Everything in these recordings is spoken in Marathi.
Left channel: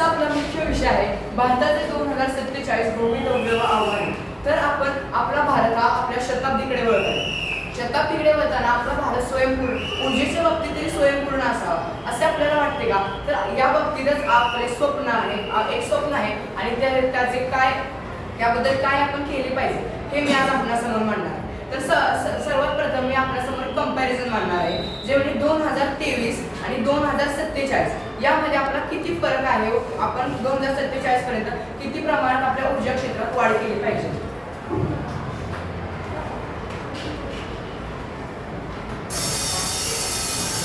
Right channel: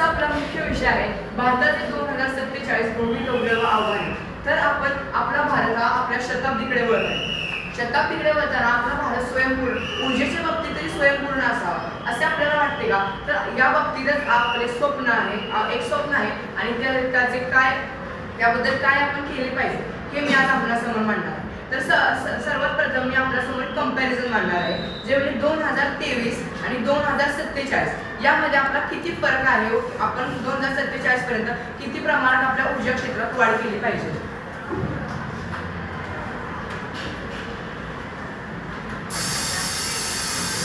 आजचा आपला मुख्य विषय आहे भारताचे 2047 भूमिगत आव्हाने। तर आपण आपला भारत हा आपल्या शताब्दीकडे वळत आहे। शताब्दीकडे वळताना आपला भारत स्वयंपूर्ण ऊर्जेच्या बाबतीत तरी स्वयंपूर्ण असावा असे आपल्याला वाटते का? तर या बाबतीतच आपले स्वप्न आहे, एक स्वप्न आहे आणि त्याचे काय याबद्दल काय आपण केले पाहिजे हे मी आज आपल्यासमोर मांडणार आहे। तर सर्वात प्रथम मी आपल्यासमोर कंपॅरिझन मांडणार आहे, जे म्हणजे 2023 आणि 2047 यामध्ये आपला किती फरक आहे। आपण 2047 पर्यंत किती प्रमाणात आपल्या ऊर्जा क्षेत्रात वाढ केली पाहिजे।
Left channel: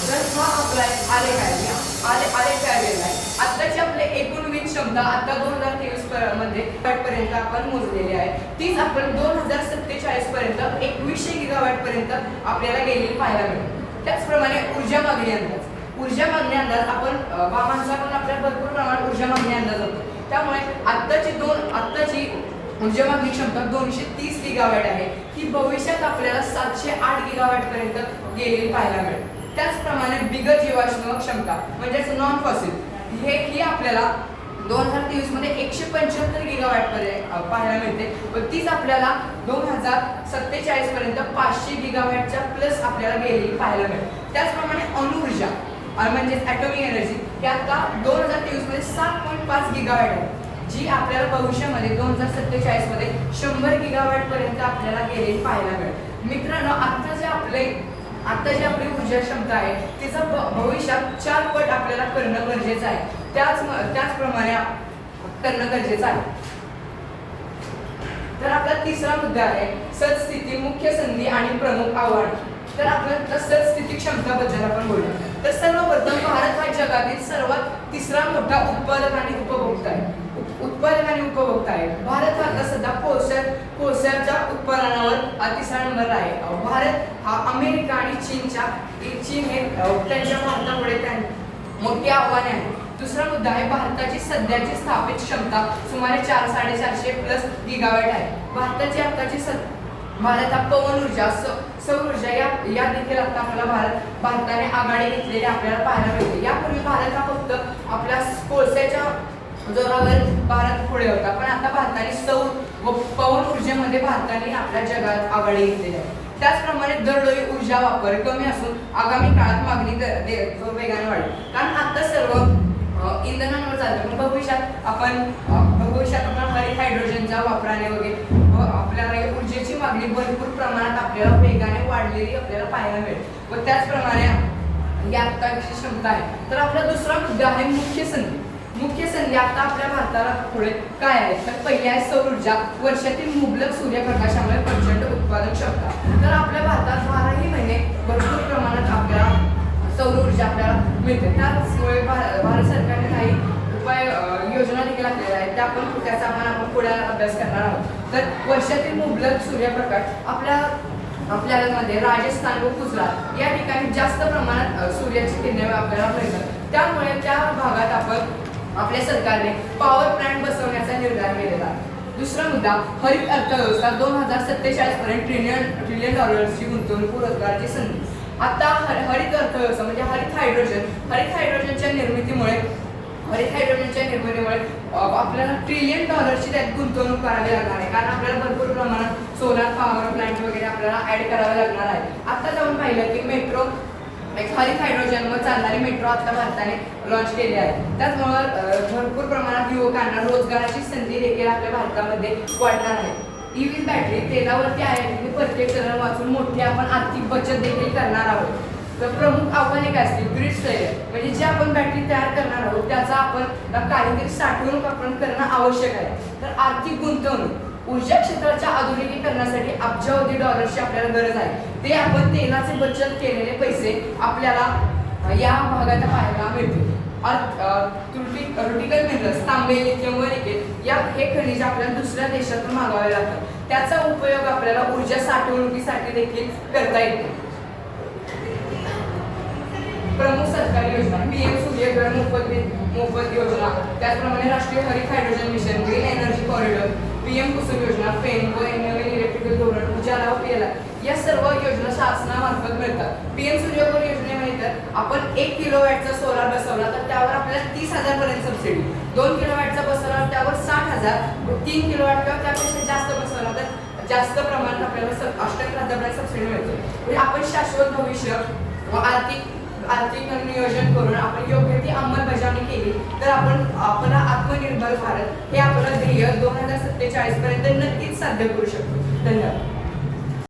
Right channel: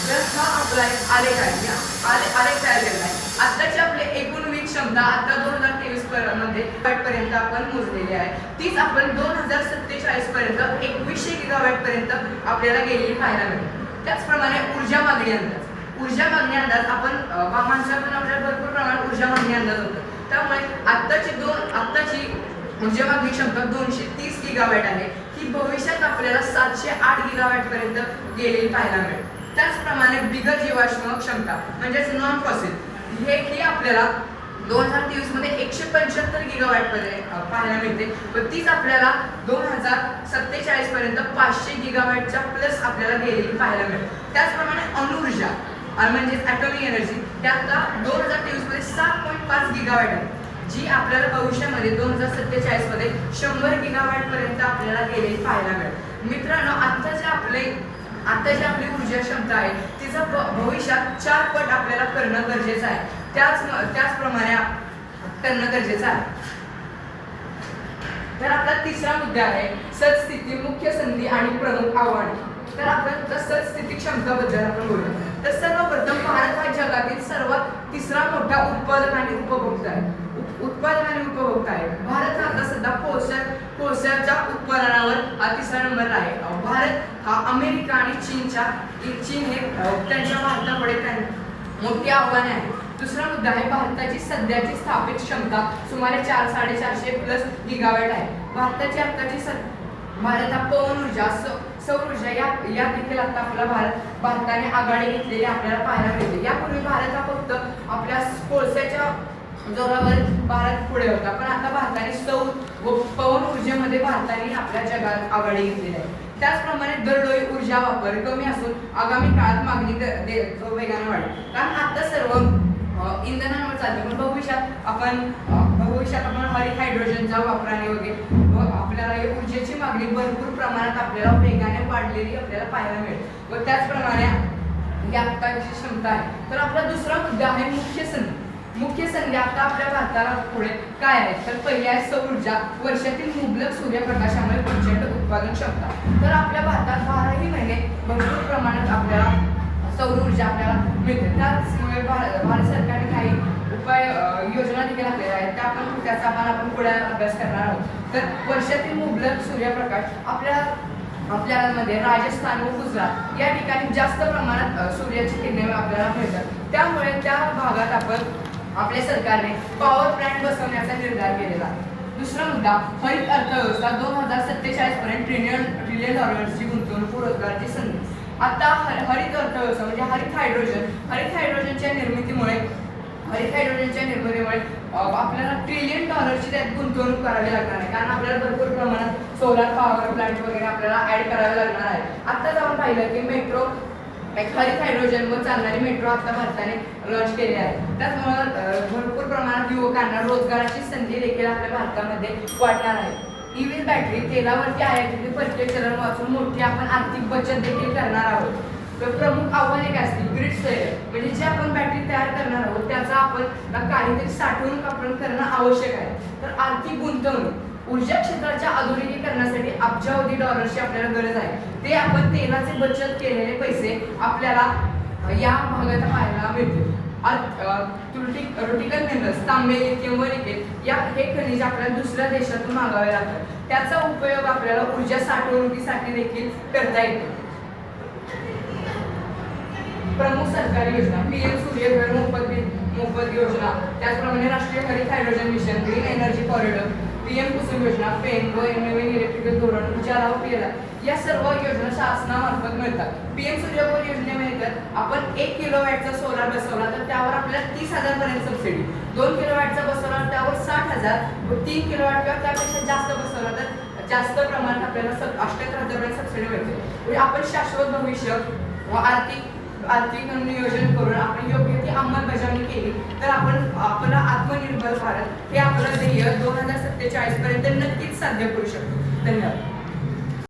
तर हा आपला आलेख आहे, आलेख तयार केलेला आहे। आताची आपली एकूण वीज क्षमता आता 2023 मध्ये पर्यंत आपण मोजलेली आहे, तीच आपण 2047 पर्यंत 2100 गिगावॅट पर्यंत आपल्याला गेलेली पाहायला मिळेल। त्याचप्रमाणे ऊर्जा मागणी अंदाज आपण माणसाकडून आपल्याला भरपूर प्रमाणात ऊर्जा मागणी अंदाज होतो। त्यामुळे आत्ताची ऊर्जा मागणी क्षमता 230 गिगावॅट आहे, ही भविष्यात आपल्याला 708 गिगावॅट पर्यंत गेलेली पाहायला मिळेल। त्याचप्रमाणे बिगर जीवाश्म क्षमता म्हणजेच नॉन फॉसिल ही आपल्याला 2023 मध्ये 175 गिगावॅट पर्यंत पाहायला मिळते व तीच आपल्याला 2047 पर्यंत 500 गिगावॅटच्या प्लस आपल्याला गेलेली पाहायला मिळेल। त्याचप्रमाणे अणुऊर्जा म्हणजेच ॲटॉमिक एनर्जी ही आता 2023 मध्ये 7.5 गिगावॅट आहे, जी आपल्याला भविष्यामध्ये 2047 मध्ये 100 गिगावॅट पर्यंत आपल्याला गेलेली पाहायला मिळेल। मित्रांनो, आता जी आपली ऊर्जा क्षमता आहे तिचा भविष्यात 4 पट आपल्याला करणं गरजेचं आहे। त्याचप्रमाणे करणं गरजेचं आहे। तर आपला तिसरा मुद्दा आहे सद्स्थिती, मुख्य संधी आणि प्रमुख आव्हाने। तर आपण सद्स्थिती क्षमताबद्दल आपण बोलूया। तर सर्वप्रथम भारत हा जगातील सर्वात तिसरा मोठा उत्पादक आणि उपभोक्ता आहे। भारत हा सध्या कोळशाच्या उत्पादनावर तिसरा नंबर आहे। भारत हा अमेरिका आणि चीन हे त्यांच्या भारतापुढे मोठी आव्हाने आहे। दुसरा मुद्दा आहे भारताची सध्याची स्थापित क्षमता सुमारे 400-450 प्लस गिगावॅट आहे। भारत हा पवन ऊर्जा, सौर ऊर्जा या देखील आता आपल्याला भारताने आघाडी घेतलेली आपल्याला पाहायला मिळते। यापूर्वी भारत हा फक्त आपल्या कोळशाच्या जोरावर भारत पुढे होता, पण आता भारताने सौर व पवन ऊर्जेमध्ये भारताने आपल्या जगात आघाडी घेतलेली आहे। त्याचप्रमाणे दरडोई ऊर्जा वापर कमी असून आगामी काळात मागणी वेगाने वाढेल, कारण आता सर्व इंधनांवर चालतं, पण भविष्यात आपण हरित हायड्रोजनच्या वापराने वगैरे आपल्याला ऊर्जेची मागणी भरपूर प्रमाणात आपल्याला वेगाने वाढलेली आपल्याला पाहायला मिळेल व त्याचप्रमाणे ही आत्ताची क्षमता आहे। तर आपला दुसरा मुद्दा आहे मुख्य संधी आता आपल्या भारताला पुढे काय आहे। तर पहिली आहे सौर ऊर्जा, वर्षातील मुबलक सूर्यप्रकाशामुळे प्रचंड उत्पादन क्षमता। तर आपल्या भारतात 12ही महिने भरपूर प्रमाणात आपल्याला सौर ऊर्जा आपल्याला मिळते। त्याचमुळे भारत सरकारने काही उपाय योजना देखील आपल्याला आहेत, त्याचा आपण पुढे अभ्यास करणार आहोत। तर वर्षातील मुबलक सूर्यप्रकाश आपल्याला मध्ये राजस्थान व गुजरात या ठिकाणी जास्त प्रमाणात सूर्याची किरणे आपल्याला मिळतात। त्यामुळे त्या भागात आपल्या सरकारने पॉवर प्लांट बसवण्याचा निर्धार केलेला आहे। दुसरा मुद्दा हरित अर्थव्यवस्था, 2047 पर्यंत ट्रिलियन डॉलर्सची गुंतवणूक व रोजगाराची संधी। आता हरित अर्थव्यवस्था म्हणजे हरित हायड्रोजनच्या निर्मितीमुळे आपल्याला ट्रिलियन डॉलरची त्यात गुंतवणूक करावी लागणार आहे, कारण आपल्याला भरपूर प्रमाणात सोलार पॉवर प्लांट वगैरे आपल्याला ऍड करावे लागणार आहे। आत्ताच आपण पाहिलं की हरित हायड्रोजनवर चालणारी मेट्रो आता भारताने लॉन्च केली आहे। त्याचमुळे भरपूर प्रमाणात युवकांना रोजगाराची संधी देखील आपल्या भारतामध्ये वाढणार आहे। ईव्ही बॅटरी तेलावरती आहे, प्रत्येक चलन वाचून मोठी आपण आर्थिक बचत देखील करणार आहोत। तर प्रमुख आव्हाने काय असतील? ग्रीड फेल्युअर, म्हणजे जे आपण बॅटरी तयार करणार आहोत त्याचा आपण काहीतरी साठवणूक आपण करणं आवश्यक आहे। तर आर्थिक गुंतवणूक, ऊर्जा क्षेत्राच्या आधुनिकीकरणासाठी अब्जावधी डॉलर्सची आपल्याला गरज आहे। ते आपण तेलाचे बचत केलेले पैसे आपल्याला या भागात पाहायला मिळतील। क्रिटिकल मिनरल्स, तांबे, लिथियम व निकेल हे खनिज आपल्याला दुसऱ्या देशातून मागवावे लागतात, त्याचा उपयोग आपल्याला ऊर्जा साठवणुकीसाठी देखील करता येतो। प्रमुख सरकारी योजना, पीएम सूर्यघर मोफत योजना, त्याचप्रमाणे राष्ट्रीय हरित hydrogen mission, green energy corridor, PM Kusum योजना, फेम व नवीन इलेक्ट्रिकल धोरण, उजाला व पेला या सर्व योजना शासनामार्फत मिळतात। पीएम सूर्यघर योजनेमध्ये तर आपण 1 किलोवॅटचा सोलार बसवला तर त्यावर आपल्याला 30,000 पर्यंत सबसिडी, 2 किलोवॅटचा बसवला त्यावर 60,000, 3 किलोवॅट किंवा त्यापेक्षा जास्त बसवला तर जास्त प्रमाणात आपल्याला 78,000 सबसिडी मिळते. म्हणजे आपण शाश्वत भविष्य व आर्थिक नियोजन करून आपण योग्य ती अंमलबजावणी केली तर आपला आत्मनिर्भर भारत हे आपलं ध्येय 2047 पर्यंत नक्कीच साध्य करू शकतो. धन्यवाद.